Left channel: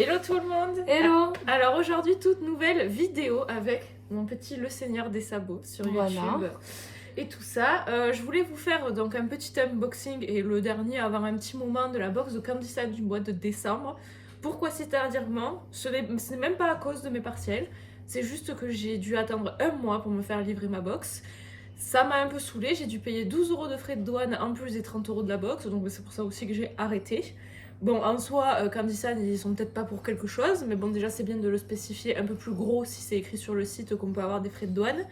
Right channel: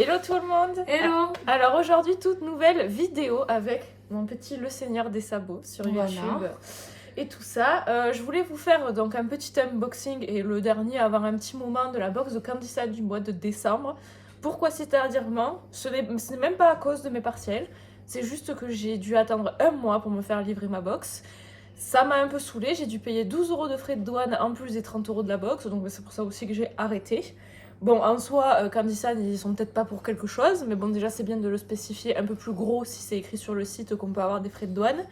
Hello tout le monde. Hello. Alors aujourd'hui, toute nouvelle vidéo avec mon petit Le Seigneur des Sabots sur YouTube et tout ça. Je voulais vous faire donc un petit unboxing et le dernier avoir un petit moment de la box de Candissa du mois de décembre. Pourquoi si tardivement? Ce n'est même pas à cause de mes partiels, c'est juste que j'ai dû attendre un mois pour me faire livrer ma box. Ça m'a un peu saoulée, j'ai dû payer 12 € de frais de douane en plus des 30 € de la box, donc c'est pour ça aussi que j'ai arrêté. Bon, en soi, Candissa, ils sont peut-être pas pour quelque chose, mais bon, déjà, c'est bien de le spécifier un peu plus gros si c'est écrit sur le site qu'on peut avoir des frais de douane.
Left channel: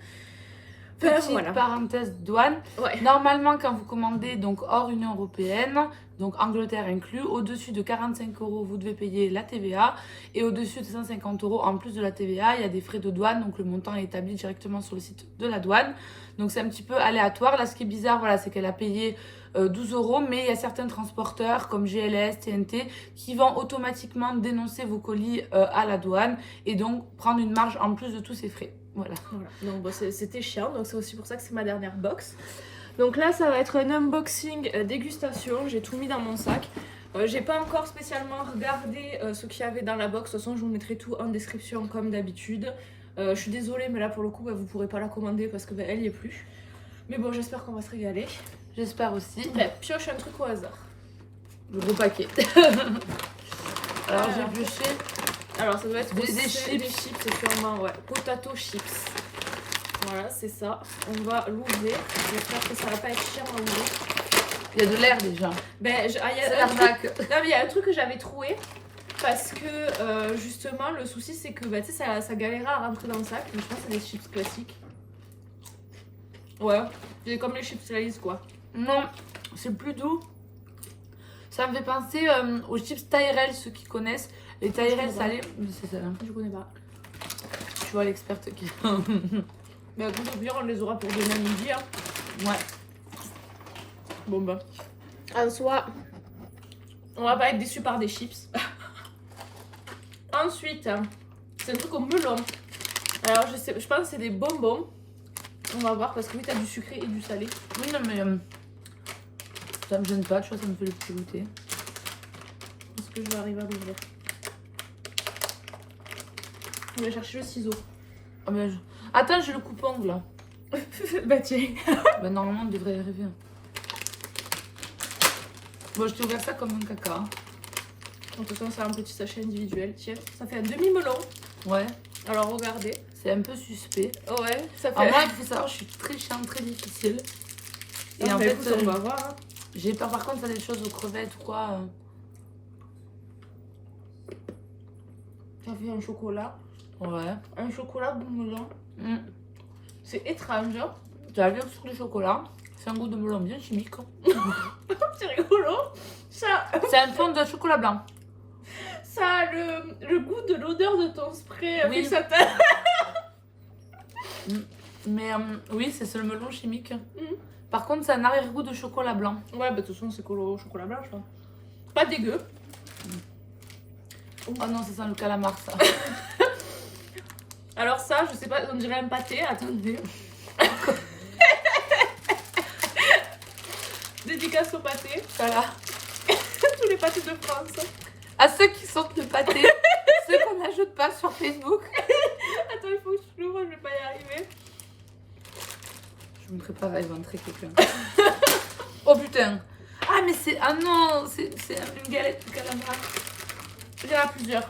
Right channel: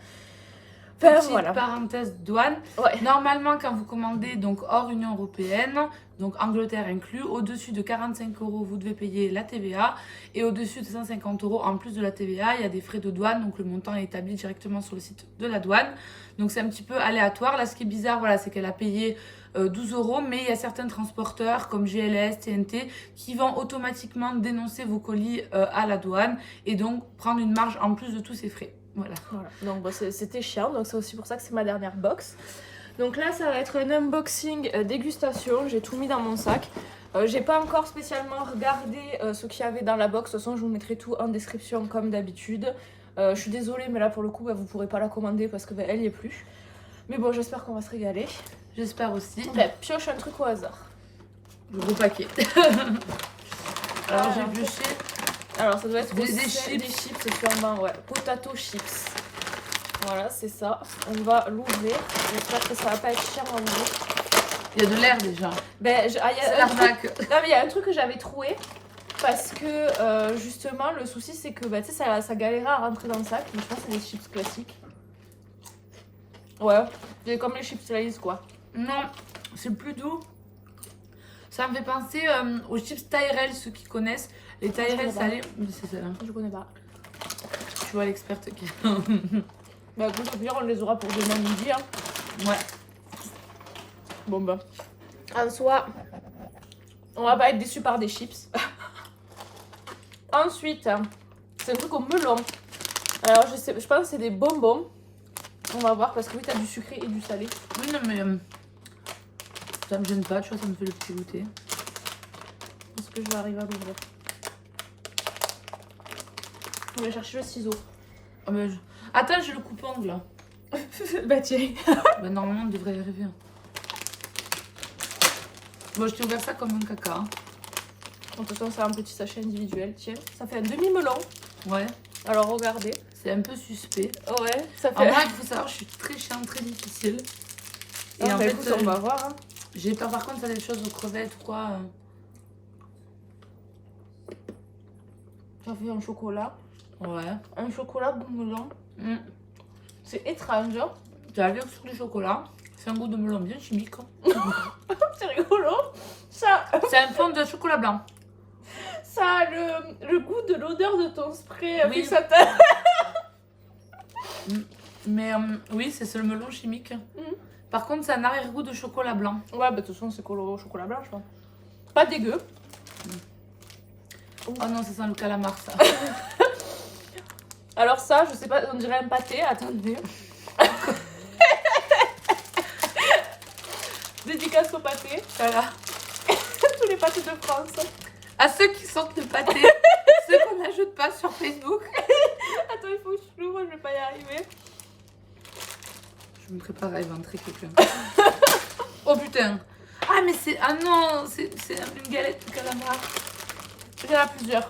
Enfin, petite parenthèse douane. Ouais. Normalement, quand vous commandez donc hors Union Européenne, donc Angleterre inclus, au-dessus de 45 €, vous devez payer la TVA. Et au-dessus de 150 € en plus de la TVA, il y a des frais de douane. Donc le montant est établi directement sur le site de la douane. Donc c'est un petit peu aléatoire. Là, ce qui est bizarre, voilà, c'est qu'elle a payé 12 €, mais il y a certains transporteurs comme GLS, TNT qui vont automatiquement dénoncer vos colis à la douane et donc prendre une marge en plus de tous ces frais. Voilà. Donc bon, c'était chiant, donc c'est aussi pour ça que c'est ma dernière box. Donc là, ça va être un unboxing dégustation. J'ai tout mis dans mon sac. J'ai pas encore spécialement regardé ce qu'il y avait dans la box. De toute façon, je vous mettrai tout en description comme d'habitude. Je suis désolée, mais là pour le coup, vous pourrez pas la commander parce que elle y est plus. Mais bon, j'espère qu'on va se régaler. J'espère aussi. Pioche un truc au hasard. Le gros paquet. Alors j'ai pioché. Alors ça doit être des chips. C'est sûrement, ouais. Potato chips. Voilà, c'est ça. On va l'ouvrir. J'espère que ça va pas être chiant à ouvrir. Il y a de l'air déjà. C'est l'arnaque. Non, mais il y a un truc que j'avais trouvé. Parce que justement, le souci c'est que tu sais, ça galérait à rentrer dans le sac. Mais je pense que c'est des chips classiques. Ouais, c'est comme les chips Lay's quoi. Non, c'est plus doux. Ça me fait penser aux chips Tyrell, ceux qui connaissent. Les Tyrell salés. C'est ça. Je connais pas. Tu vois l'experte qui. Bah, pour dire, on les aura pour demain midi. Hein. Ouais. Bon, bah. En soi, on va pas être déçus par des chips. Ensuite, c'est un truc au melon. Alors, je pense que c'est des bonbons. On va voir parce que oui, t'as du sucré et du salé. Oui, non, mais ça me gêne pas, tu vois, ça me fait le petit goûter. Est-ce que je vais arriver à l'ouvrir? On va chercher le ciseau. Oh, mais attends, j'ai le coupe-ongle là. Bah, tiens. Bah, normalement, on devrait y arriver. Bon, je t'ai ouvert ça comme un caca. De toute façon, c'est un petit sachet individuel. Tiens, ça fait un demi-melon. Ouais. Alors, regardez. C'est un peu suspect. Ouais, ça fait. Alors, moi, il faut savoir, je suis très chiante, très difficile. Et en fait, écoute, on va voir. Hein. J'ai peur par contre, ça des choses aux crevettes ou quoi. Ça fait un chocolat. Ouais. Un chocolat goût melon. C'est étrange. Hein. Tu as vu que sur le chocolat, c'est un goût de melon bien chimique. C'est rigolo. Ça, C'est un fond de chocolat blanc. ça a le goût de l'odeur de ton spray. Oui. Fixateur. Mais oui, c'est le melon chimique. Par contre, c'est un arrière-goût de chocolat blanc. Ouais, bah de toute façon, c'est chocolat blanc, je pense. Pas dégueu. Oh non, ça sent le calamar, ça. Alors ça, je sais pas, on dirait un pâté. Attendez. Dédicace au pâté. Voilà. Tous les pâtés de France. À ceux qui sentent le pâté, ceux qu'on n'ajoute pas sur Facebook. Attends, il faut que je l'ouvre, je vais pas y arriver. Je me prépare à éventrer quelqu'un. Oh putain. Ah mais c'est... Ah non, c'est une galette de calamar. Il y en a plusieurs.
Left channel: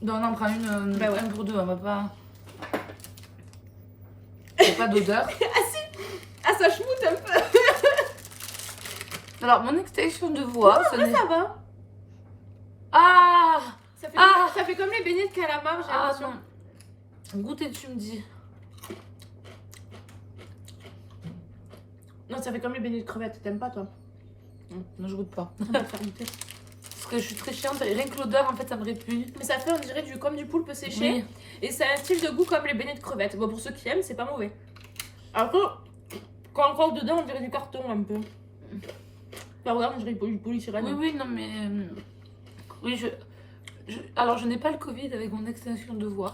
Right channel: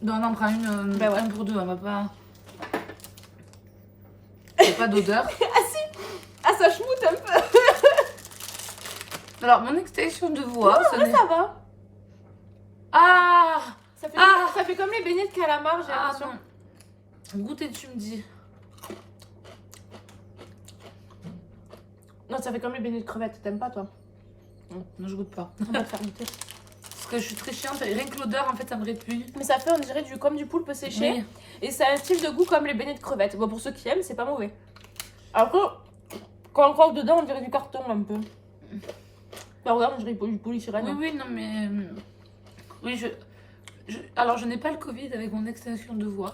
Non, on en prend une, Bah ouais. un pour deux, on va pas... Il n'y a pas d'odeur. Ah si. Ah, ça schmoute un peu. Alors, mon extinction de voix... Non, mais ça va. Ah. Ça fait comme les beignets de calamar, j'ai l'impression. Non. Goûtez, tu me dis. Non, ça fait comme les beignets de crevettes. T'aimes pas, toi? Non, je goûte pas. On va te faire goûter. Parce que je suis très chiante et rien que l'odeur, en fait, ça me répugne. Mais ça fait, on dirait, comme du poulpe séché. Oui. Et ça a un style de goût comme les beignets de crevettes. Bon, pour ceux qui aiment, c'est pas mauvais. Alors que, quand on croque dedans, on dirait du carton un peu. Enfin, regarde, on dirait du polystyrène. Oui, oui, non, mais... Oui, alors, je n'ai pas le Covid avec mon extinction de voix.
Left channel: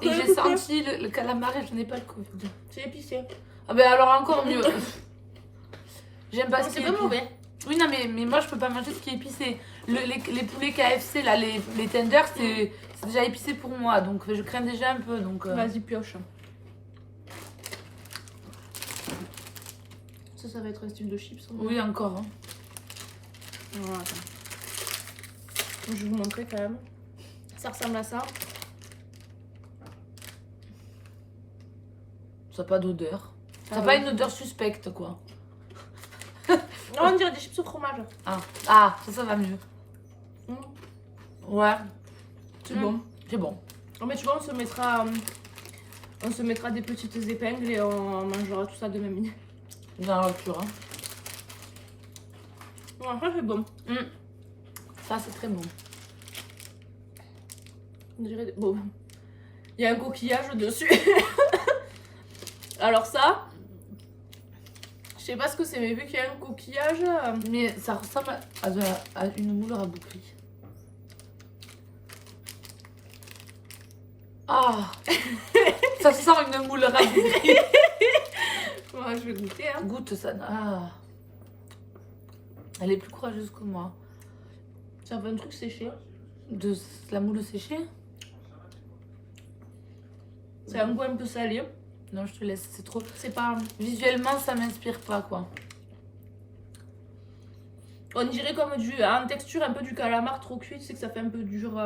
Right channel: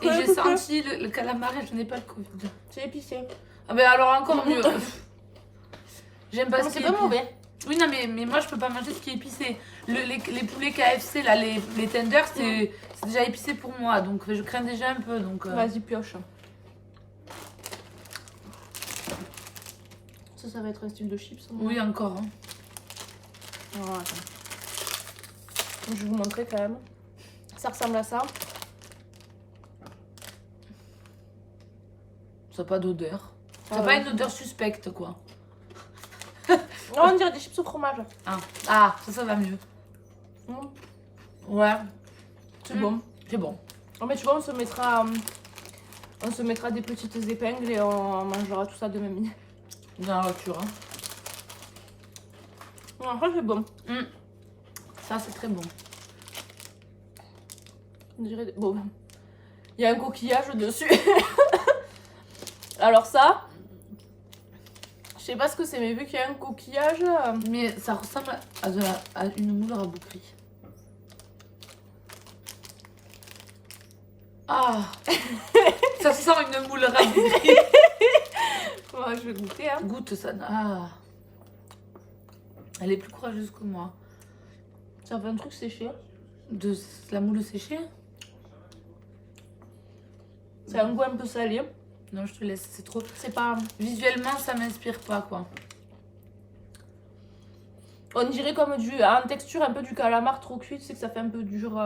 Et j'ai senti le calamar et je n'ai pas le Covid. C'est épicé. Ah ben alors encore mieux. J'aime pas ce qui c'est est pas mauvais. Oui, non, mais moi, je peux pas manger ce qui est épicé. Les poulets KFC, là, les tenders, c'est déjà épicé pour moi. Donc, je crains déjà un peu. Donc, Vas-y, pioche. Ça va être un style de chips. Oui, encore. Hein. Voilà, attends. Je vais vous montrer quand même. Ça ressemble à ça. Ça n'a pas d'odeur. Ça n'a pas une odeur suspecte, quoi. Non, on dirait des chips au fromage. Ah, ça va mieux. Ouais. C'est bon. C'est bon. Oh, mais tu vois, on se mettra des petites épingles et on mangera tout ça de même. Dans la voiture. Hein. Ah, ça c'est bon. Ça, c'est très bon. On dirait... Bon, il y a un coquillage dessus. Alors ça, je sais pas ce que c'est, mais vu qu'il y a un coquillage... Mais ça ressemble à une moule rabouterie. Ah. Ça sent une moule rabouterie. Ouais, je vais goûter. Hein. Goûte ça. Ah. Elle est plus courageuse que moi. Ça fait un truc séché. De la moule séchée? C'est un goût un peu salé. Non, je te laisse, c'est trop... C'est pas... Visuellement, ça m'inspire pas, quoi. On dirait comme en texture un peu du calamar trop cuit, tu sais que ça fait un peu dur.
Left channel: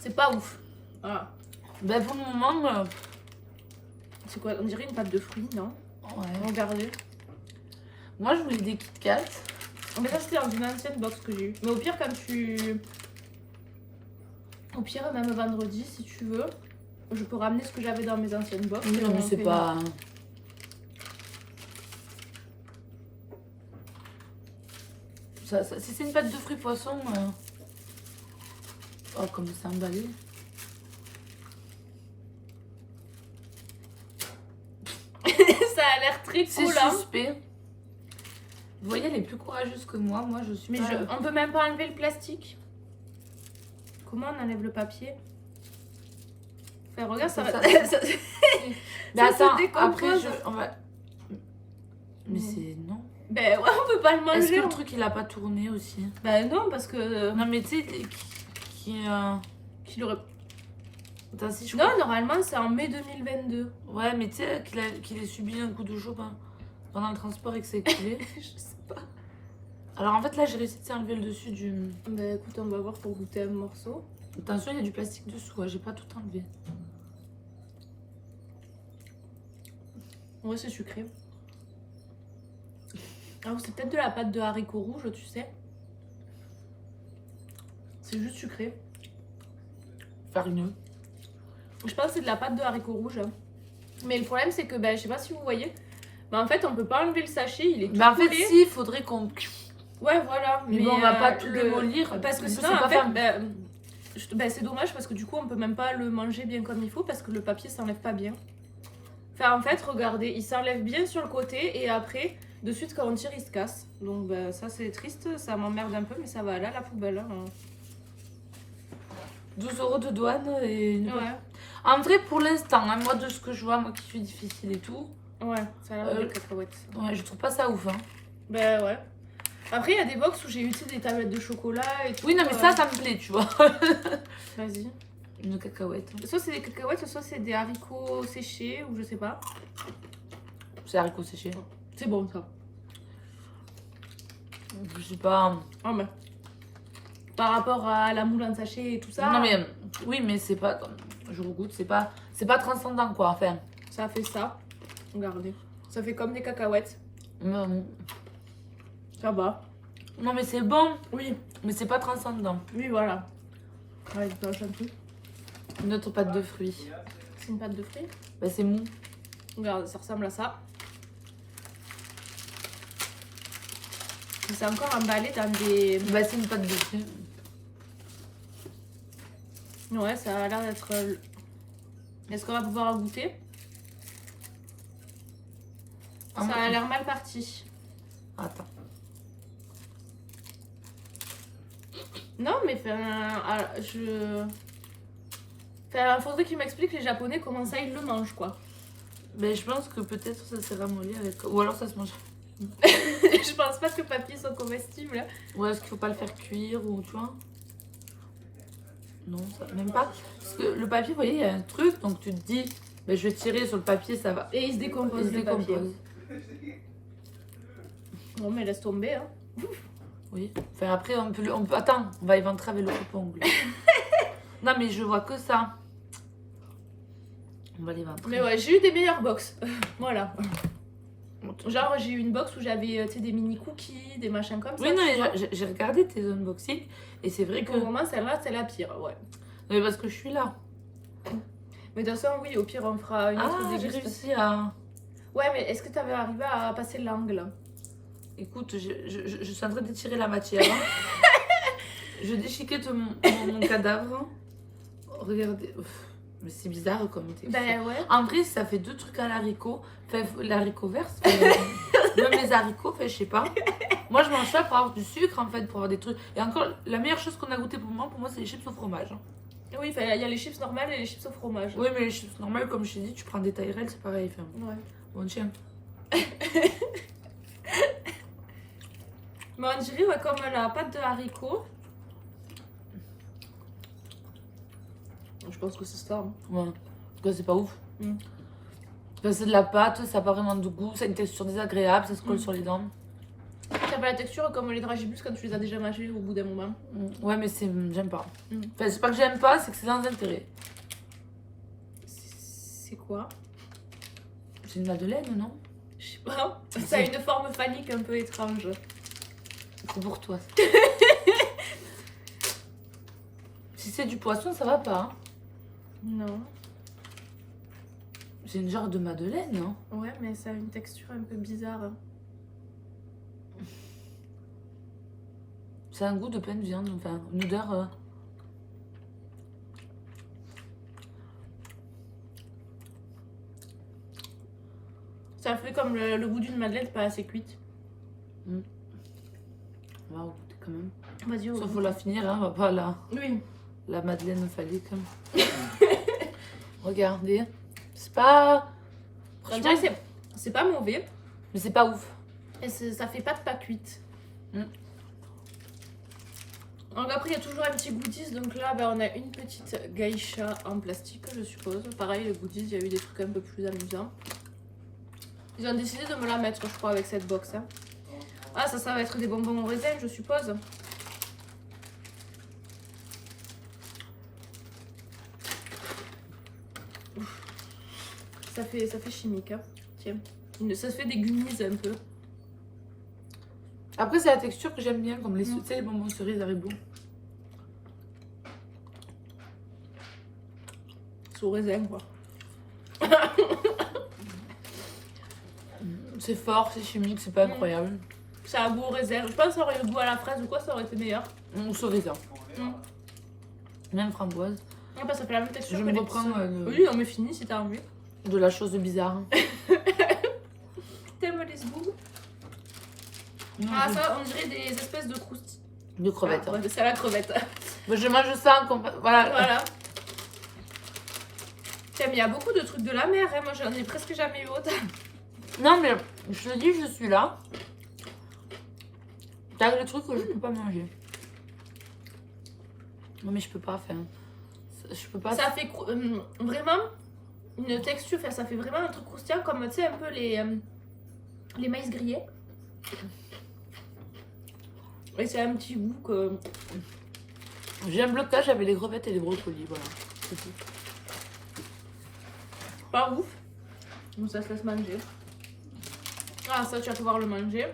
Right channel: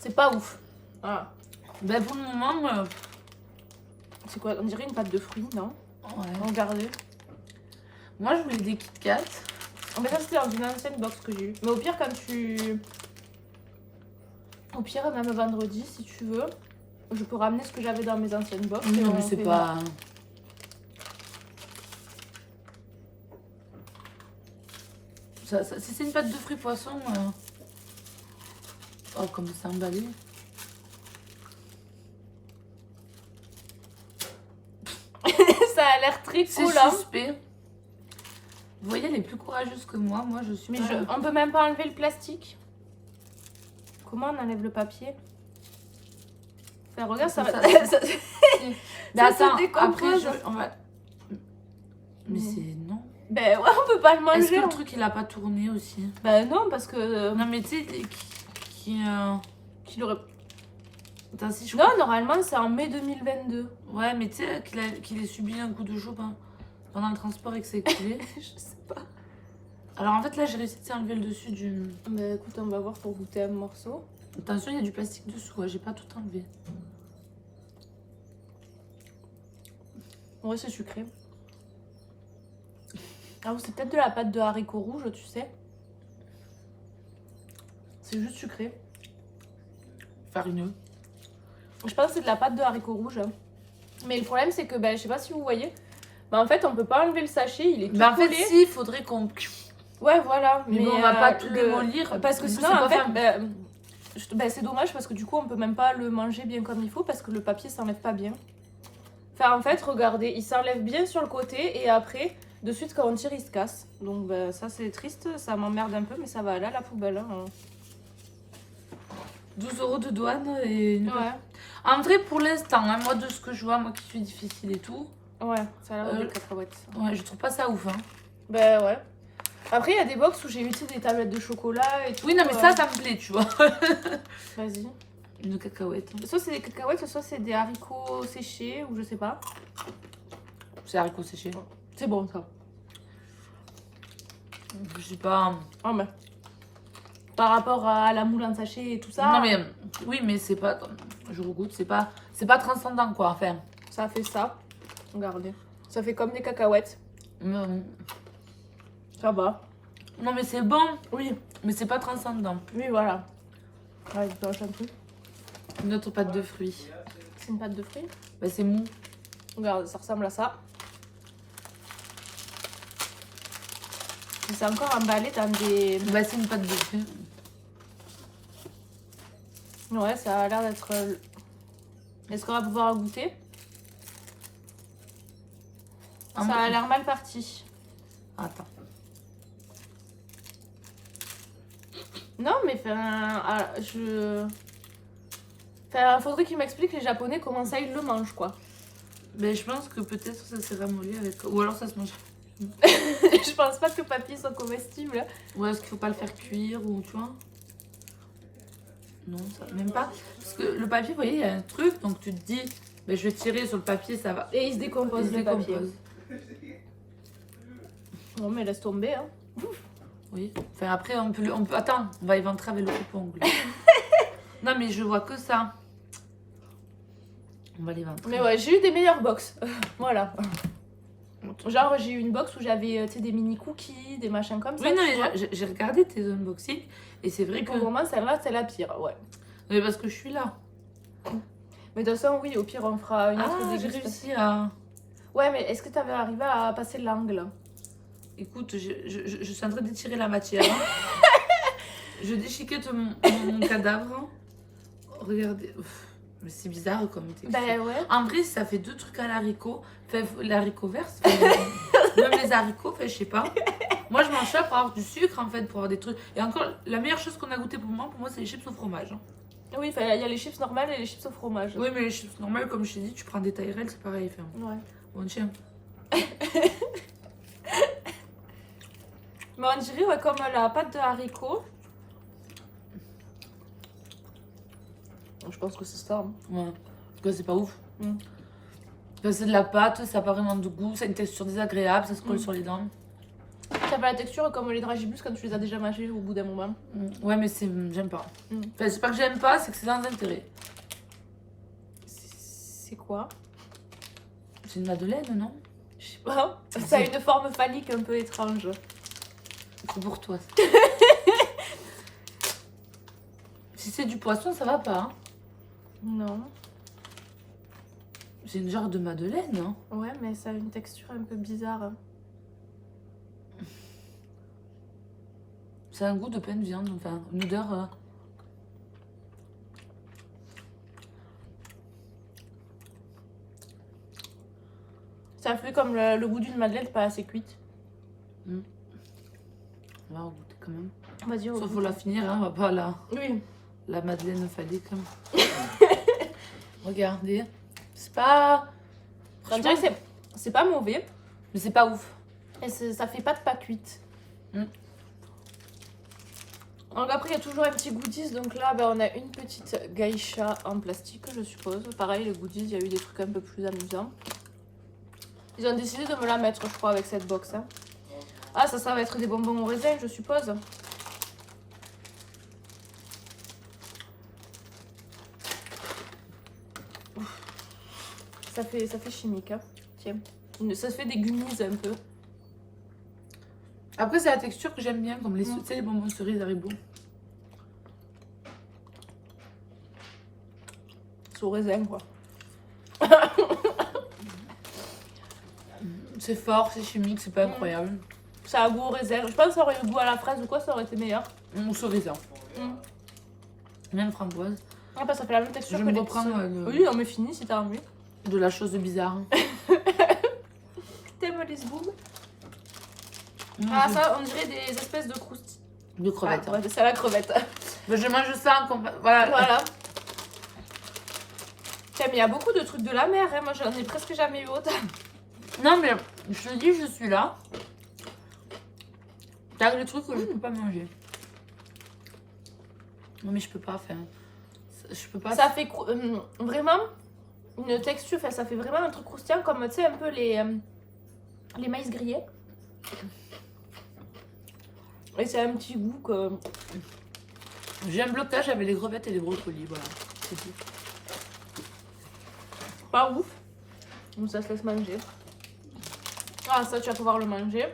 C'est pas ouf. Ah. Ben, pour le moment... C'est quoi? On dirait une pâte de fruits, non? Ouais. Regardez. Moi, je voulais des Kit Kat. Mais ça, c'était dans une ancienne box que j'ai eu. Mais au pire, quand tu... Au pire, même vendredi, si tu veux, je peux ramener ce que j'avais dans mes anciennes box. Oui, non, mais c'est pas... Si c'est une pâte de fruits poisson... Oh, comme c'est emballé. Ça a l'air très C'est cool, hein. suspect. Vous voyez, elle est plus courageuse que moi. Moi, je suis Mais pas... on peut même pas enlever le plastique. Comment on enlève le papier? Enfin, regarde, ça... Mais attends, se après, décompose. on va... Mais c'est... Non. Ben ouais, on peut pas le manger. Est-ce que le truc, il a pas tourné aussi? Ben non, parce que... Non, mais tu sais, Qu'il aurait... Attends, si je Non, normalement, c'est en mai 2022. Ouais, mais tu sais qu'il ait subi un coup de chaud pendant le transport et que c'est écoulé. Je sais pas. Alors en fait, là, j'ai réussi à enlever le dessus du... Ben écoute, on va voir pour goûter un morceau. Attention, il y a du plastique dessous, ouais, j'ai pas tout enlevé. Ouais, c'est sucré. Ah, c'est peut-être de la pâte de haricots rouges, tu sais. C'est juste sucré. Farineux. Je pense que c'est de la pâte de haricots rouges. Mais le problème, c'est que, ben, je sais pas si vous voyez, ben, en fait, on peut pas enlever le sachet, il est tout Bah en fait, collé. si, il faudrait qu'on... Ouais, voilà. Mais bon, on va pas tout démolir. Parce que C'est sinon, pas en fait, fameux. c'est dommage parce que du coup, on peut même pas le manger bien comme il faut parce que le papier s'enlève pas bien. Enfin, en fait, regardez, il s'enlève bien sur le côté et après, de suite, quand on tire, il se casse. Donc, ben, ça, c'est triste, ça m'emmerde un peu, mais ça va aller à la poubelle. Hein. 12 € de douane et... Ouais. En vrai, pour l'instant, hein, moi, de ce que je vois, moi qui suis difficile et tout... Ouais, ça a l'air de cacahuètes. Ouais, je trouve pas ça ouf, hein. Ben ouais. Après, il y a des box où j'ai eu des tablettes de chocolat et tout. Oui, non, mais ça me plaît, tu vois. Vas-y. Une cacahuète. Soit c'est des cacahuètes, soit c'est des haricots séchés, ou je sais pas. C'est haricots séchés. C'est bon, ça. Je sais pas... Oh, mais... Par rapport à la moule en sachet et tout ça... Non, mais... Oui, mais c'est pas... Je regoute, c'est pas transcendant, quoi, enfin. Ça fait ça. Regardez. Ça fait comme des cacahuètes. Ça va. Non, mais c'est bon. Oui. Mais c'est pas transcendant. Oui, voilà. Ouais, je dois un peu. Une autre pâte de fruits. C'est une pâte de fruits. Bah, c'est mou. Regarde, ça ressemble à ça. C'est encore emballé dans des... Bah, c'est une pâte de fruits. Ouais, ça a l'air d'être... Est-ce qu'on va pouvoir goûter? Ça a l'air mal parti. Attends. Non, mais faudrait qu'ils m'expliquent les Japonais comment ça ils le mangent, quoi. Mais je pense que peut-être ça s'est ramolli avec... Ou alors ça se mange... Je pense pas que le papier soit comestible. Ouais, est-ce qu'il faut pas le faire cuire ou tu vois? Non, ça, même pas. Parce que le papier, vous voyez, il y a un truc, donc tu te dis, ben, je vais tirer sur le papier, ça va. Et il se décompose. Il se décompose. Non, mais laisse tomber. Hein. Oui. Enfin, après, on peut... Attends, on va éventrer avec le coupe-ongle. Non, mais je vois que ça. On va l'éventrer. Mais ouais, j'ai eu des meilleures box. Voilà. Genre, j'ai eu une box où j'avais des mini cookies, des machins comme ça. Oui, non, mais j'ai regardé tes unboxings et c'est vrai que. Pour le moment, celle-là, c'est la pire, ouais. Mais parce que je suis là. Mais de toute façon, oui, au pire, on fera une autre Ah, j'ai dégustation. réussi à. Ouais, mais est-ce que tu avais arrivé à passer l'angle? Écoute, je suis en train d'étirer la matière. Je déchiquette mon cadavre. Regardez. Ouf. Mais c'est bizarre comme texture. Ben ouais. En vrai, ça fait deux trucs à l'haricot. Enfin, l'haricot vert, même les haricots, enfin, je sais pas. Moi, je mange ça pour avoir du sucre, en fait, pour avoir des trucs. Et encore, la meilleure chose qu'on a goûté pour moi, c'est les chips au fromage. Hein. Oui, il y a les chips normales et les chips au fromage. Oui, mais les chips normales, comme je t'ai dit, tu prends des Tyrell, c'est pareil. Enfin, Ouais. bon, tiens. Mais on dirait, ouais, comme la pâte de haricots. Je pense que c'est ça. Hein. Ouais. En tout cas, c'est pas ouf. Mm. Enfin, c'est de la pâte, ça n'a pas vraiment de goût, ça a une texture désagréable, ça se colle sur les dents. Ça fait la texture comme les dragibus quand tu les as déjà mangés au bout d'un moment. Ouais, mais j'aime pas. Mm. Enfin, c'est pas que j'aime pas, c'est que c'est sans intérêt. C'est quoi? C'est une madeleine, non? Je sais pas. Ça a une forme phallique un peu étrange. C'est pour toi. Si c'est du poisson, ça va pas. Hein. Non. C'est une genre de madeleine, hein. Ouais, mais ça a une texture un peu bizarre. C'est un goût de plein de viande, enfin, une odeur. Ça fait comme le goût d'une madeleine pas assez cuite. On va goûter quand même. Vas-y, Sauf faut la finir, hein, on va pas Oui. la madeleine phallique. Regardez. C'est pas. Franchement, c'est pas mauvais. Mais c'est pas ouf. Et ça fait pas de pas cuite. Mm. Donc après, il y a toujours un petit goodies. Donc là, ben, on a une petite geisha en plastique, je suppose. Pareil, les goodies, il y a eu des trucs un peu plus amusants. Ils ont décidé de me la mettre, je crois, avec cette box. Hein. Ah, ça va être des bonbons au raisin, je suppose. Ça fait chimique. Hein. Tiens. Ça se fait des gummies un peu. Après, c'est la texture que j'aime bien, comme tu sais, les bonbons cerises Haribo. C'est au raisin, quoi. C'est fort, c'est chimique, c'est pas incroyable. Ça a goût au raisin. Je pense que ça aurait eu goût à la fraise ou quoi, ça aurait été meilleur. Ou cerise. Même framboise. Ah bah ça fait la même texture. Je me reprends Oui, non mais fini si t'as envie. de la chose bizarre. T'aimes les sboob? Ah ça, on dirait des espèces de croustilles. De crevettes. Ah, ouais, c'est la crevette. Mais je mange ça, voilà. Voilà. Tiens, mais il y a beaucoup de trucs de la mer, hein. Moi j'en ai presque jamais eu autant. Non, mais je te dis, je suis là. T'as des trucs que je peux pas manger. Non, mais je peux pas faire. Je peux pas. Ça fait vraiment une texture, enfin, ça fait vraiment un truc croustillant comme tu sais un peu les maïs grillés. Et c'est un petit goût que. J'ai un blocage avec les crevettes et les brocolis, voilà. C'est tout. Pas ouf. Donc ça se laisse manger. Ah, ça, tu vas pouvoir le manger.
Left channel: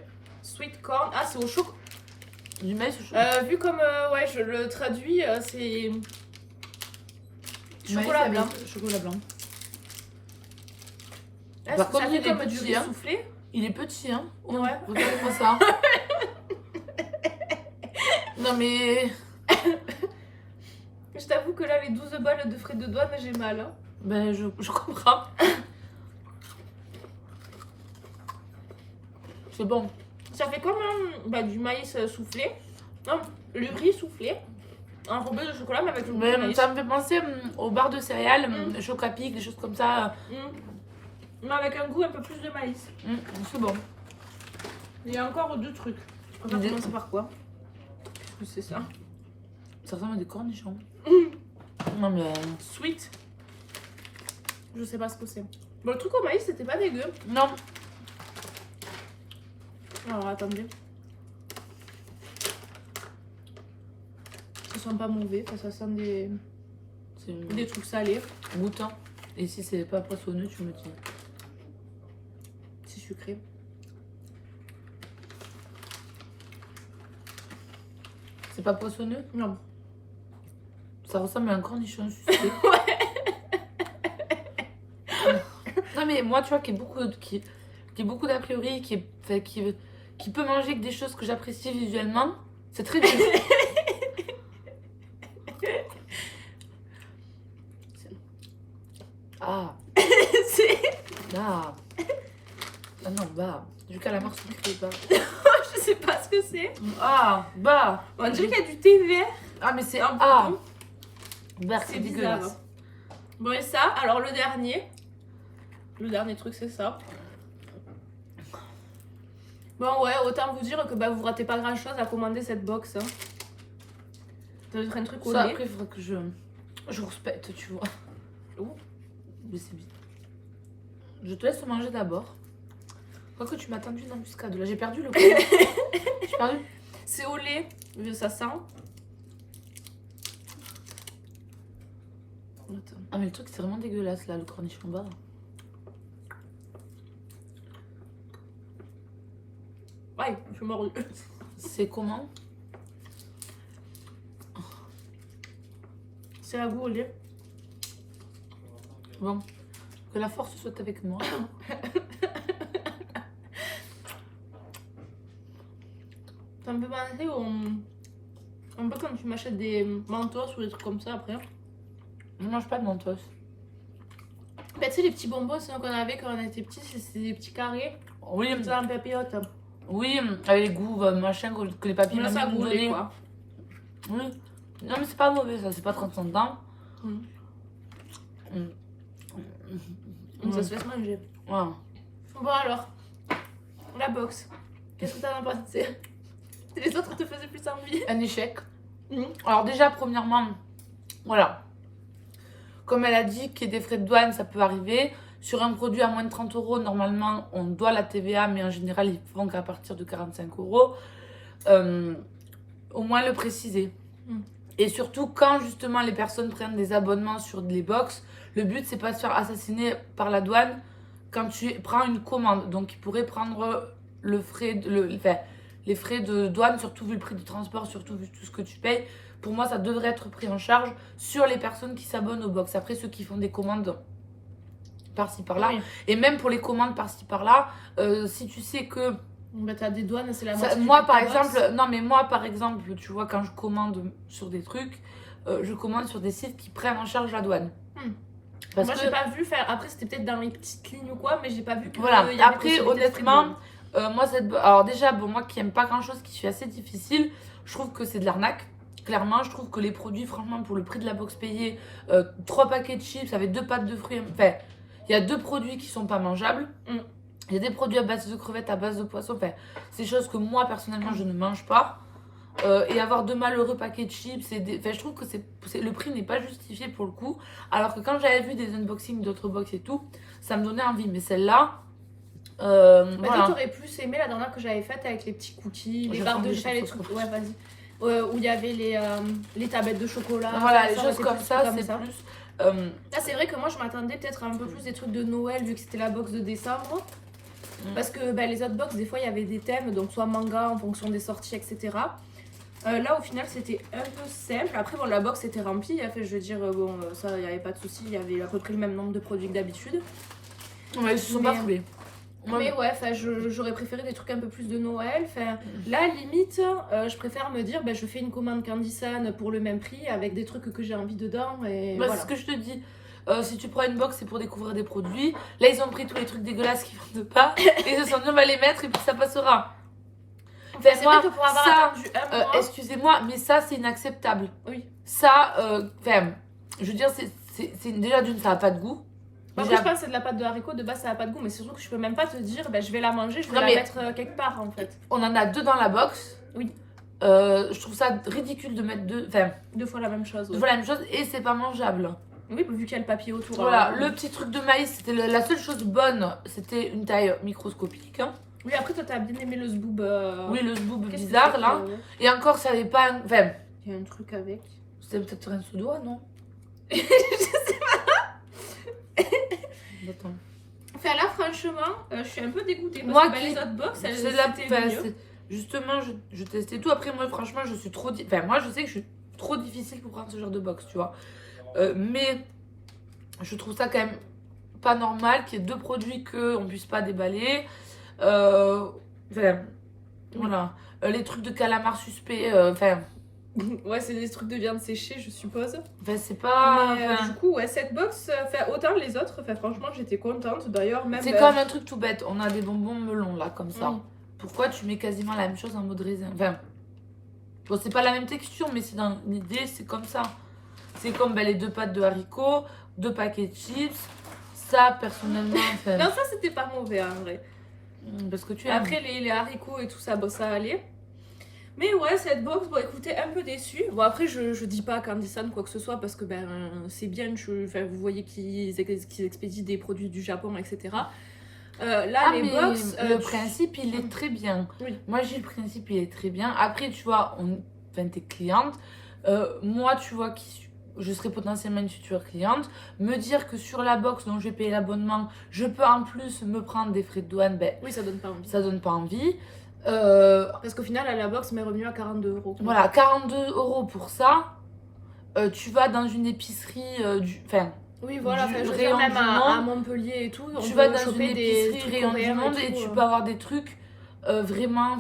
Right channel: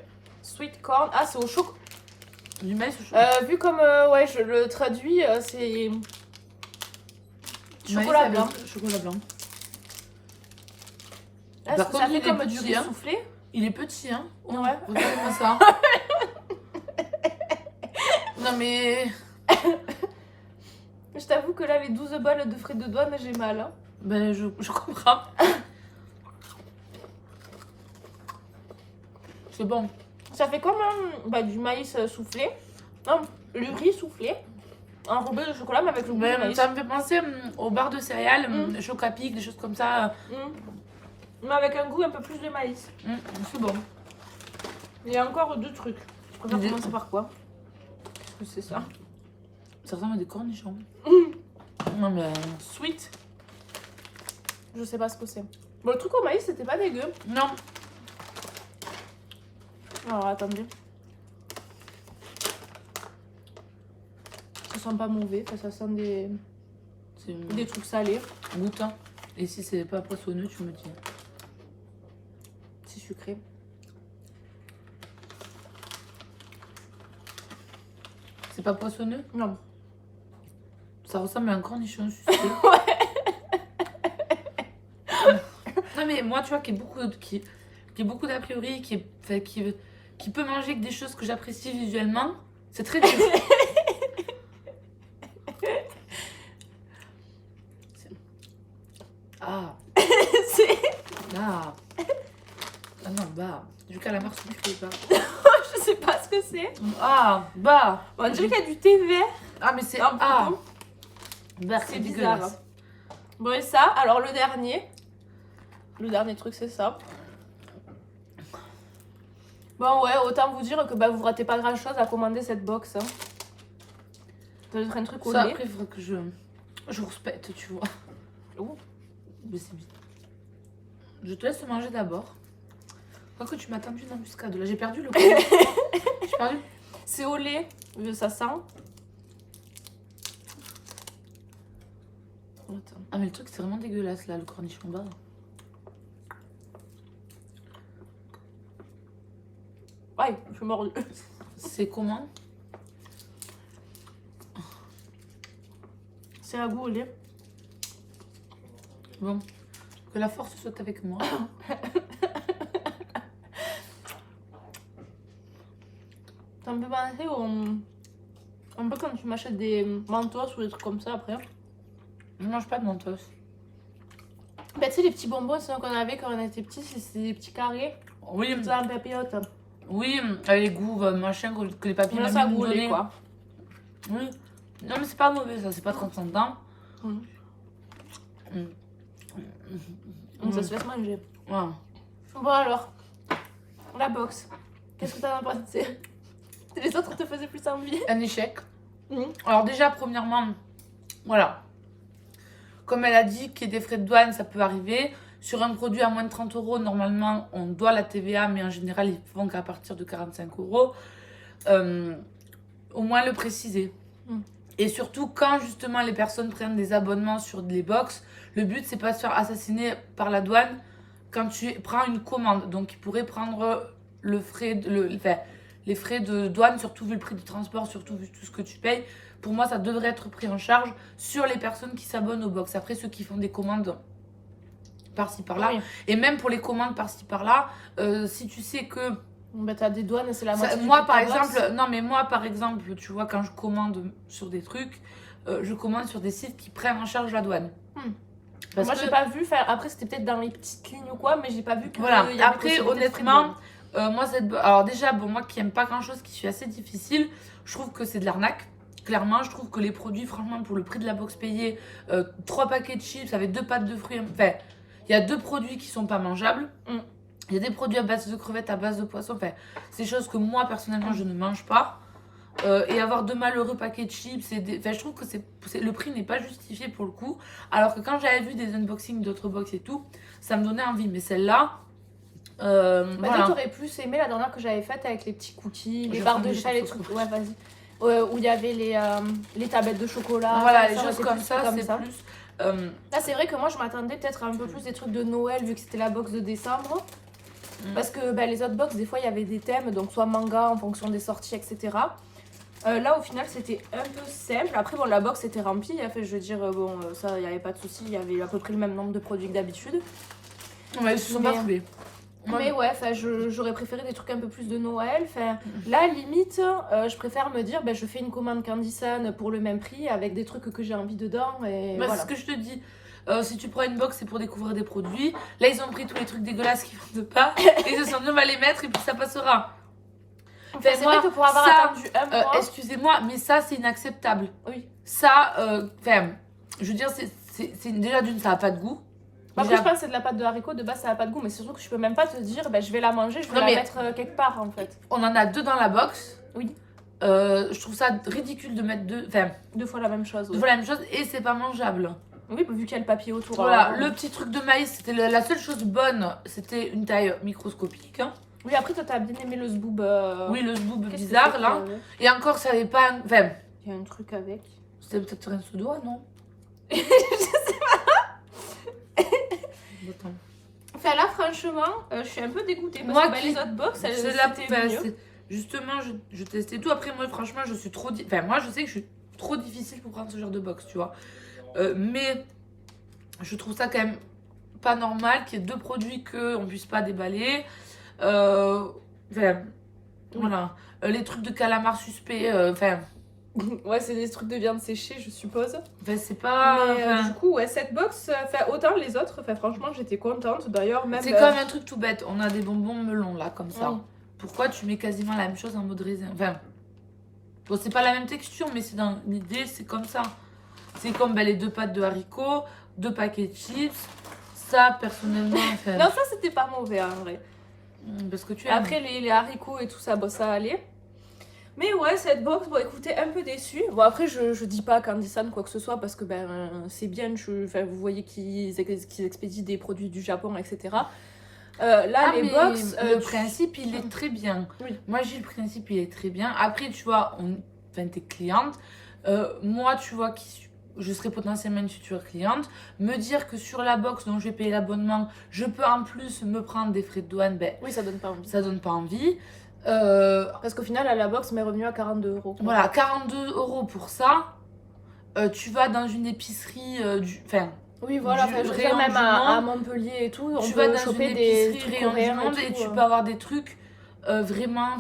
Sweet corn. Ah, c'est au chocolat. Du maïs au chocolat. Vu comme ouais, je le traduis, c'est. Chocolat blanc. Chocolat blanc. Est-ce Par que contre, ça fait il est comme du petit, riz hein. soufflé? Il est petit, hein. Oh, Ouais. regardez-moi ça. Non, mais. Je t'avoue que là, les 12 balles de frais de douane, j'ai mal. Hein. Ben, je comprends. C'est bon. Ça fait comme du maïs soufflé. Non, le riz soufflé. Enrobé de chocolat, mais avec le goût de maïs. Ça me fait penser aux barres de céréales, Chocapic, des choses comme ça. Mais avec un goût un peu plus de maïs. C'est bon. Il y a encore 2 trucs. Je préfère commencer par quoi? C'est ça. Ça ressemble à des cornichons. Non mais... Sweet. Je sais pas ce que c'est. Bon, le truc au maïs, c'était pas dégueu. Non. Alors, attendez. Ça sent pas mauvais, ça sent des trucs salés. Goûte. Hein. Et si c'est pas poissonneux, tu me dis. C'est sucré. C'est pas poissonneux? Non. Ça ressemble à un cornichon sucré. Non mais moi tu vois qui est beaucoup d'a priori, qui peut manger que des choses que j'apprécie visuellement, c'est très dur. Ah. Ah. Ah non, bah. Du calamar sucré, bah. Je sais pas ce que c'est. Ah, bah. On dirait qu'il y a du thé vert. Ah, mais c'est. Ah. Bah, c'est dégueulasse. Bon, et ça, alors le dernier. Le dernier truc, c'est ça. Bon, ouais, autant vous dire que bah, vous ratez pas grand chose à commander cette box. Hein. Ça doit être un truc au Ça, lait. après, il faudrait que je respecte, tu vois. Oh. Mais c'est bien. Je te laisse manger d'abord. Quoi que tu m'as tendu une embuscade. Là, j'ai perdu le coup. J'ai perdu. C'est au lait, ça sent. Attends. Ah, mais le truc, c'est vraiment dégueulasse, là, le cornichon bas. Ouais, je suis mordue. C'est comment? C'est un goût au lait. Bon, que la force soit avec moi. Ça me fait penser au... un peu quand tu m'achètes des mentos ou des trucs comme ça après. Je mange pas de mentos. Bah, tu sais, les petits bonbons qu'on avait quand on était petits, c'est des petits carrés. Oui, C'est un papillote. oui, avec les goûts, machin, que les papiers Mais m'ont ça goûte, donné. quoi. Oui. Non, mais c'est pas mauvais, ça, c'est pas 35 ans. Ça se laisse manger. Ouais. Bon, alors, la box. Qu'est-ce que t'en as pensé? Les autres te faisaient plus envie. Un échec. Alors, déjà, premièrement, voilà. Comme elle a dit qu'il y a des frais de douane, ça peut arriver. Sur un produit à moins de 30 €, normalement, on doit la TVA, mais en général, ils font qu'à partir de 45 €. Au moins le préciser. Et surtout, quand justement les personnes prennent des abonnements sur les box, le but, c'est pas de se faire assassiner par la douane quand tu prends une commande. Donc, ils pourraient prendre les frais de douane, surtout vu le prix du transport, surtout vu tout ce que tu payes. Pour moi, ça devrait être pris en charge sur les personnes qui s'abonnent aux box. Après, ceux qui font des commandes par-ci par-là. Oui. Et même pour les commandes par-ci par-là, si tu sais que... Bah, t'as des douanes, c'est la moitié. Moi, par exemple, non, mais moi, par exemple, tu vois, quand je commande sur des trucs, je commande sur des sites qui prennent en charge la douane. Parce moi, j'ai pas vu faire. Après, c'était peut-être dans les petites lignes ou quoi, mais j'ai pas vu que. Voilà, après, honnêtement, moi, alors déjà, bon, moi qui aime pas grand-chose, qui suis assez difficile, je trouve que c'est de l'arnaque. Clairement, je trouve que les produits, franchement, pour le prix de la box payée, 3 paquets de chips avec 2 pâtes de fruits, enfin, il y a 2 produits qui sont pas mangeables. Il y a des produits à base de crevettes, à base de poisson. Enfin, c'est des choses que moi, personnellement, je ne mange pas. Et avoir 2 malheureux paquets de chips, enfin, je trouve que le prix n'est pas justifié pour le coup. Alors que quand j'avais vu des unboxings d'autres box et tout, ça me donnait envie. Mais celle-là, voilà. T'aurais plus aimé la dernière que j'avais faite avec les petits cookies, les barres de chat, les trucs. Ouais, vas-y. Où il y avait les tablettes de chocolat. Voilà, les choses comme ça, c'est plus... Là, c'est vrai que moi, je m'attendais peut-être à un peu plus des trucs de Noël, vu que c'était la box de décembre. Parce que les autres box, des fois, il y avait des thèmes, donc soit manga en fonction des sorties, etc. Là, au final, c'était un peu simple. Après, bon, la box était remplie. Fait, je veux dire, bon, ça, il n'y avait pas de souci. Il y avait à peu près le même nombre de produits que d'habitude. Ouais, ils se sont pas foulés. Mais ouais, j'aurais préféré des trucs un peu plus de Noël. Là, limite, je préfère me dire, je fais une commande Candy Sun pour le même prix avec des trucs que j'ai envie dedans. Et voilà. C'est ce que je te dis. Si tu prends une box, c'est pour découvrir des produits. Là, ils ont pris tous les trucs dégueulasses qui vendent pas. Et ils se sont dit, on va les mettre et puis ça passera. Enfin, moi, vrai que pour avoir ça, attendu excusez-moi, mais ça, c'est inacceptable. Oui. Ça, je veux dire, déjà d'une, ça n'a pas de goût. Après, je pense que c'est de la pâte de haricots, de base ça n'a pas de goût, mais c'est surtout que je peux même pas te dire, je vais la manger, je vais la mettre quelque part en fait. On en a 2 dans la box. Oui. Je trouve ça ridicule de mettre 2 fois la même chose. 2 fois la même chose et c'est pas mangeable. Oui, vu qu'il y a le papier autour. Voilà, le petit truc de maïs, c'était la seule chose bonne, c'était une taille microscopique. Hein. Oui, après toi t'as bien aimé le zboob. Oui, le zboob bizarre là. Et encore, ça avait pas. Il y a un truc avec. C'était peut-être un sous-doigt, non? Je sais pas. Attends. Enfin là, franchement, je suis un peu dégoûtée. Parce Moi que, qui. les autres box, C'est la. Justement, je testais tout. Après, moi, franchement, je suis trop. Moi, je sais que je suis trop difficile pour prendre ce genre de box, tu vois. Mais je trouve ça quand même pas normal qu'il y ait 2 produits qu'on puisse pas déballer. Voilà. Les trucs de calamar suspect. Ouais, c'est des trucs de viande séchée, je suppose. C'est pas. Du coup, ouais, cette box, autant les autres, franchement, j'étais contente. D'ailleurs, même. C'est comme un truc tout bête. On a des bonbons melons là, comme ça. Pourquoi tu mets quasiment la même chose en mode raisin? Bon, c'est pas la même texture, mais c'est dans l'idée, c'est comme ça. C'est comme les 2 pâtes de haricots, 2 paquets de chips. Ça, personnellement. Non, ça, c'était pas mauvais en vrai. Parce que tu aimes. Après, les haricots et tout ça, ça allait. Mais ouais, cette box, écoutez, un peu déçue. Bon, après, je dis pas Candysan quoi que ce soit parce que c'est bien. Vous voyez qu'ils expédient des produits du Japon, etc. Là, les box. Le principe, il est très bien. Oui. Moi, j'ai le principe, il est très bien. Après, tu vois, t'es cliente. Moi, tu vois, je serais potentiellement une future cliente. Me dire que sur la box dont je vais payer l'abonnement, je peux en plus me prendre des frais de douane, oui, ça donne pas envie. Ça donne pas envie. Parce qu'au final, la box m'est revenue à 42 €. Voilà, 42 € pour ça. Tu vas dans une épicerie oui, voilà, rayon même du à Montpellier et tout. Tu vas dans une épicerie rayon du monde et tu peux avoir des trucs vraiment.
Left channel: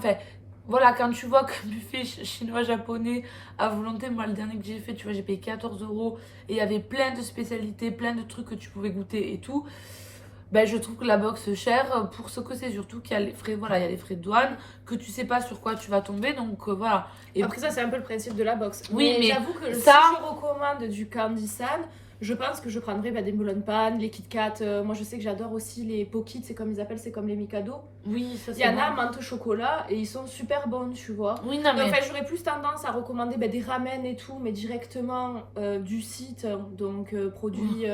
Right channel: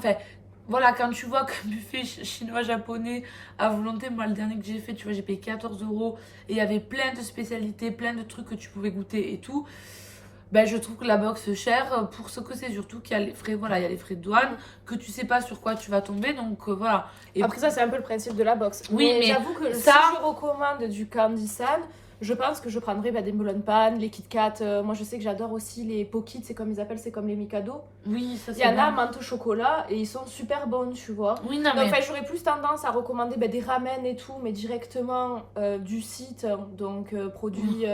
Voilà, quand tu vois qu'un buffet chinois-japonais à volonté, moi le dernier que j'ai fait, tu vois, j'ai payé 14 € et il y avait plein de spécialités, plein de trucs que tu pouvais goûter et tout. Je trouve que la box chère pour ce que c'est, surtout qu'il y a les frais, il y a les frais de douane, que tu sais pas sur quoi tu vas tomber, donc voilà. Et après ça, c'est un peu le principe de la box. Oui, mais j'avoue que si je recommande du Candysan, je pense que je prendrai des Melon Pan, les Kit Kat. Moi, je sais que j'adore aussi les Pockits, c'est comme ils appellent, c'est comme les Mikado. Oui, ça c'est Il y en a menthe au chocolat et ils sont super bons, tu vois. Oui, non, mais. J'aurais plus tendance à recommander des ramen et tout, mais directement du site, donc produit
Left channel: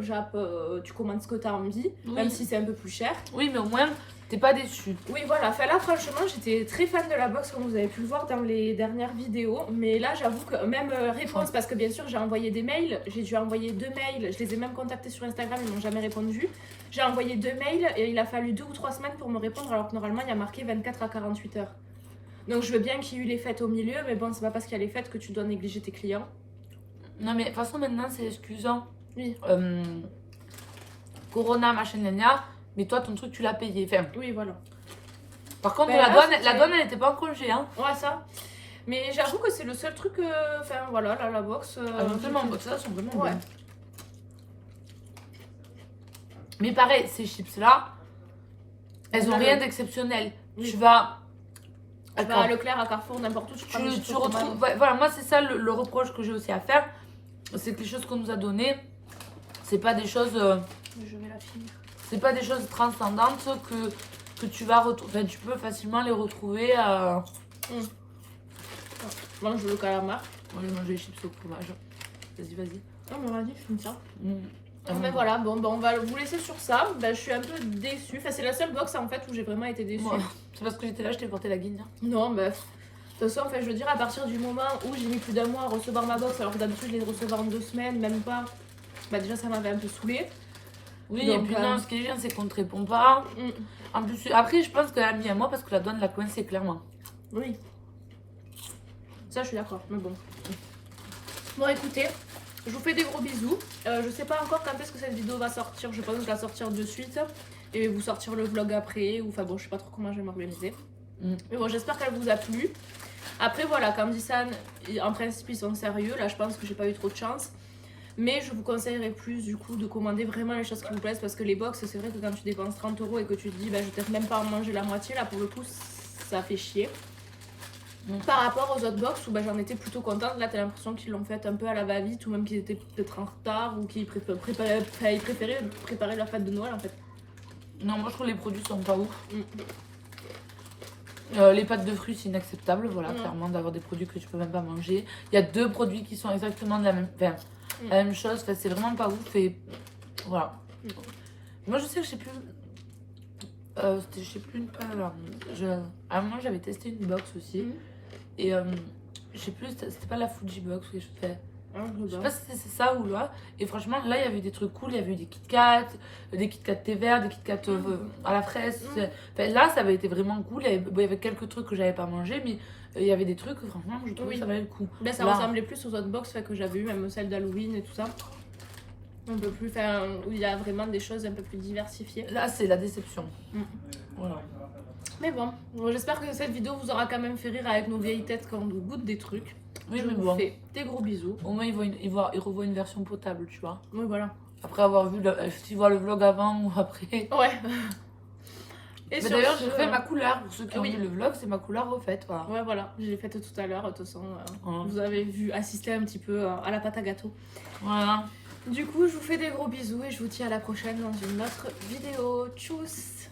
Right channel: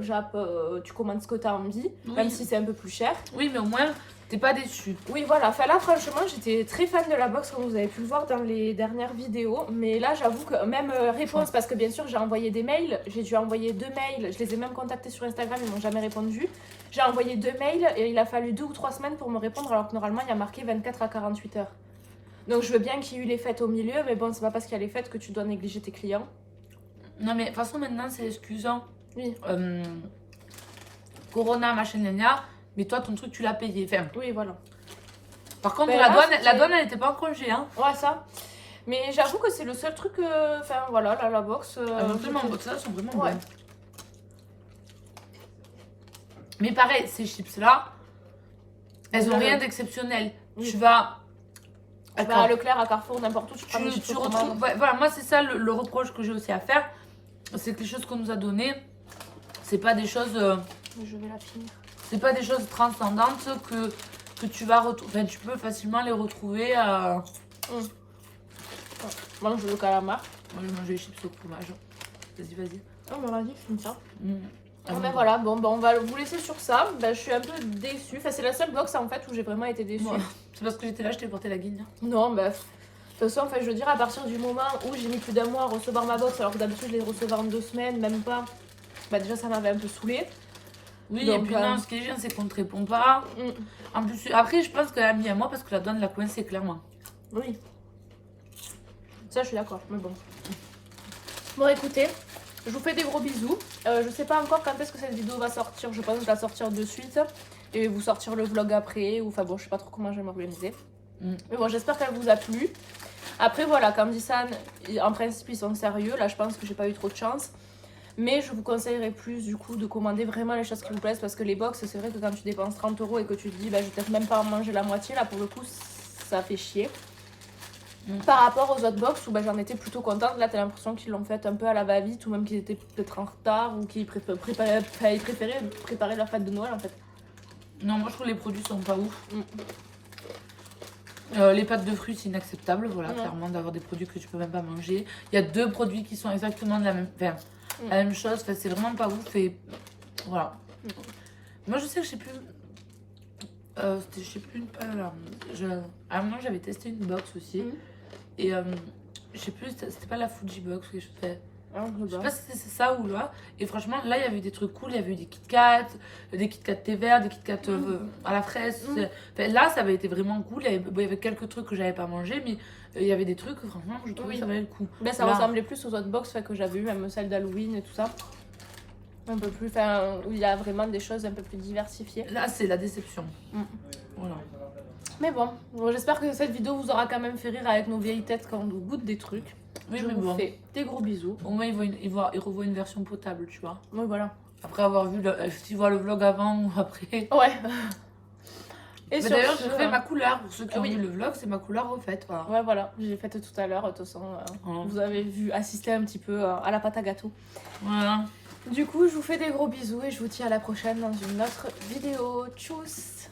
Jap, tu commandes ce que tu as envie, même si c'est un peu plus cher. Oui, mais au moins, t'es pas déçu. Oui, voilà. Là, franchement, j'étais très fan de la box, comme vous avez pu le voir dans les dernières vidéos. Mais là, j'avoue que même réponse, parce que bien sûr, j'ai envoyé des mails. J'ai dû envoyer 2 mails. Je les ai même contactés sur Instagram, ils m'ont jamais répondu. J'ai envoyé 2 mails et il a fallu 2 ou 3 semaines pour me répondre, alors que normalement, il y a marqué 24 à 48 heures. Donc, je veux bien qu'il y ait eu les fêtes au milieu, mais bon, c'est pas parce qu'il y a les fêtes que tu dois négliger tes clients. Non, mais de toute façon, maintenant, c'est excusant. Oui. Corona, machin, gna. Mais toi, ton truc, tu l'as payé. Oui, voilà. Par contre, la douane, elle n'était pas en congé. Hein. Ouais, ça. Mais j'avoue que c'est le seul truc. Voilà, là, la box. Ça, sont vraiment bonnes. Mais pareil, ces chips-là, elles n'ont rien d'exceptionnel. Oui. Tu vas à Leclerc, à Carrefour, n'importe où. Tu retrouves. Voilà, moi, c'est ça le reproche que j'ai aussi à faire. C'est que les choses qu'on nous a données, c'est pas des choses. Je vais la finir. C'est pas des choses transcendantes que tu vas retrouver. Tu peux facilement les retrouver. Moi, je veux le calamar. Moi, je mange les chips au fromage. Vas-y. Oh, mais vas-y, comme ça. Mais voilà, on va vous laisser sur ça. Je suis un peu déçue. C'est la seule box en fait où j'ai vraiment été déçue. Ouais. C'est parce que j'étais là, je t'ai porté la guine. Non, de toute façon, je veux dire, à partir du moment où j'ai mis plus d'un mois à recevoir ma box, alors que d'habitude, je les recevoir en 2 semaines, même pas. Déjà, ça m'avait un peu saoulée. Oui, donc, et puis non, ce qui est bien, c'est qu'on ne te répond pas. En plus, après, je pense qu'elle a mis à moi parce que la douane l'a coincée, clairement. Oui. Ça, je suis d'accord, mais bon. Bon, écoutez, je vous fais des gros bisous. Je sais pas encore quand est-ce que cette vidéo va sortir. Je pense qu'elle va sortir de suite. Et vous sortir le vlog après. Ou je sais pas trop comment je vais m'organiser. Mais bon, j'espère qu'elle vous a plu. Après, voilà, Candysan, en principe, ils sont sérieux. Là, je pense que j'ai pas eu trop de chance. Mais je vous conseillerais plus du coup de commander vraiment les choses qui vous plaisent parce que les box, c'est vrai que quand tu dépenses 30 € et que tu te dis je vais peut-être même pas en manger la moitié, là pour le coup ça fait chier. Par rapport aux autres box où j'en étais plutôt contente, là t'as l'impression qu'ils l'ont fait un peu à la va-vite ou même qu'ils étaient peut-être en retard ou qu'ils préféraient préparer leur fête de Noël en fait. Non, moi je trouve les produits sont pas ouf. Les pâtes de fruits c'est inacceptable, voilà, clairement d'avoir des produits que tu peux même pas manger. Il y a 2 produits qui sont exactement de la même chose, c'est vraiment pas ouf et voilà. Moi je sais que je sais plus... je sais plus alors, à un moment j'avais testé une box aussi et je sais plus, c'était pas la Fuji box que je fais. Je sais pas si c'est ça ou là. Et franchement, là, il y avait des trucs cool. Il y avait eu des Kit Kat thé vert, des Kit Kat à la fraise. Enfin, là, ça avait été vraiment cool. Il y avait quelques trucs que j'avais pas mangé, mais il y avait des trucs, franchement, je trouvais que ça valait le coup. Ben, ça ressemblait plus aux autres box que j'avais eu, même celle d'Halloween et tout ça. Un peu plus, où il y a vraiment des choses un peu plus diversifiées. Là, c'est la déception. Voilà. Mais bon, j'espère que cette vidéo vous aura quand même fait rire avec nos vieilles têtes quand on goûte des trucs. Oui, je vous fais des gros bisous. Au moins, ils revoient une version potable, tu vois. Oui, voilà. Après avoir vu, si tu vois le vlog avant ou après. Ouais. Et d'ailleurs, j'ai refait ma couleur. Pour ceux qui ont vu le vlog, c'est ma couleur refaite. Voilà. Ouais, voilà. J'ai faite tout à l'heure. De toute façon, vous avez assisté un petit peu à la pâte à gâteau. Voilà. Du coup, je vous fais des gros bisous et je vous dis à la prochaine dans une autre vidéo. Tchuss!